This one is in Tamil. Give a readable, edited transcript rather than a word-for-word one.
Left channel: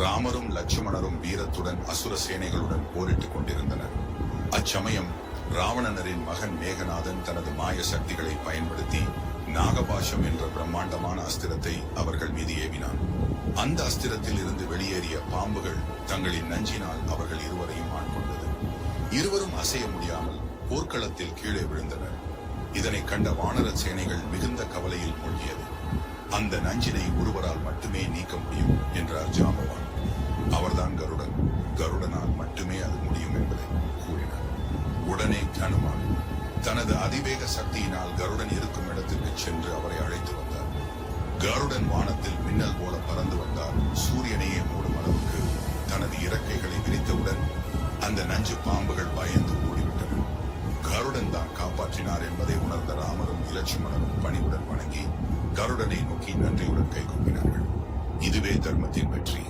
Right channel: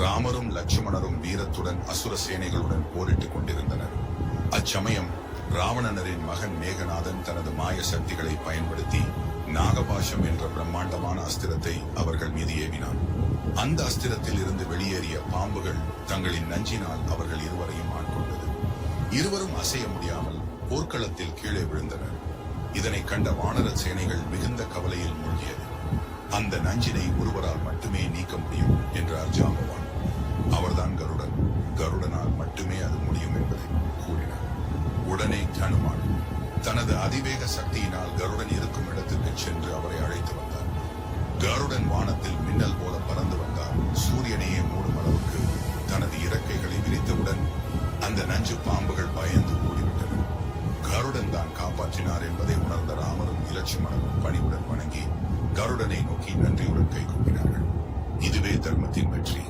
ராமரும் லட்சுமணரும் வீரத்துடன் அசுர சேனைகளுடன் போரிட்டுக் கொண்டிருந்தனர். அச்சமயம் ராவணனரின் மகன் மேகநாதன் தனது மாய சக்திகளை பயன்படுத்தி நாகபாஷம் என்ற பிரம்மாண்டமான அஸ்திரத்தை அவர்கள் மீது ஏவினான். அந்த அஸ்திரத்தில் இருந்து வெளியேறிய பாம்புகள் தங்களின் நஞ்சினால் அவர்கள் இருவரையும் ஆட்கொண்டது. இருவரும் அசைய முடியாமல் போர்க்களத்தில் கீழே விழுந்தனர். இதனை கண்ட வானர சேனைகள் மிகுந்த கவலையில் மூழ்கியது. அந்த நஞ்சினை ஒருவரால் மட்டுமே நீக்க முடியும் என்றார் ஜாம்பவான். அவர்தான் கருடன். கருடனால் மட்டுமே அது முடியும் என்பதை கூறினார். உடனே ஹனுமான் தனது அதிவேக சக்தியினால் கருடன் இருக்கும் இடத்திற்கு சென்று அவரை அழைத்து வந்தார். கருடன் வானத்தில் மின்னல் போல பறந்து வந்தார். சூரியனையே மூடும் அளவுக்கு தனது இறக்கைகளை விரித்தவுடன் அந்த நஞ்சு பாம்புகள் பயந்து ஓடிவிட்டன. கருடன் தான் காப்பாற்றினார் என்பதை உணர்ந்த ராமரும் லட்சுமணரும் பணிவுடன் வணங்கி கருடனை நோக்கி நன்றியுடன் கைகூப்பினார்கள். இதுவே தர்மத்தின் வெற்றி.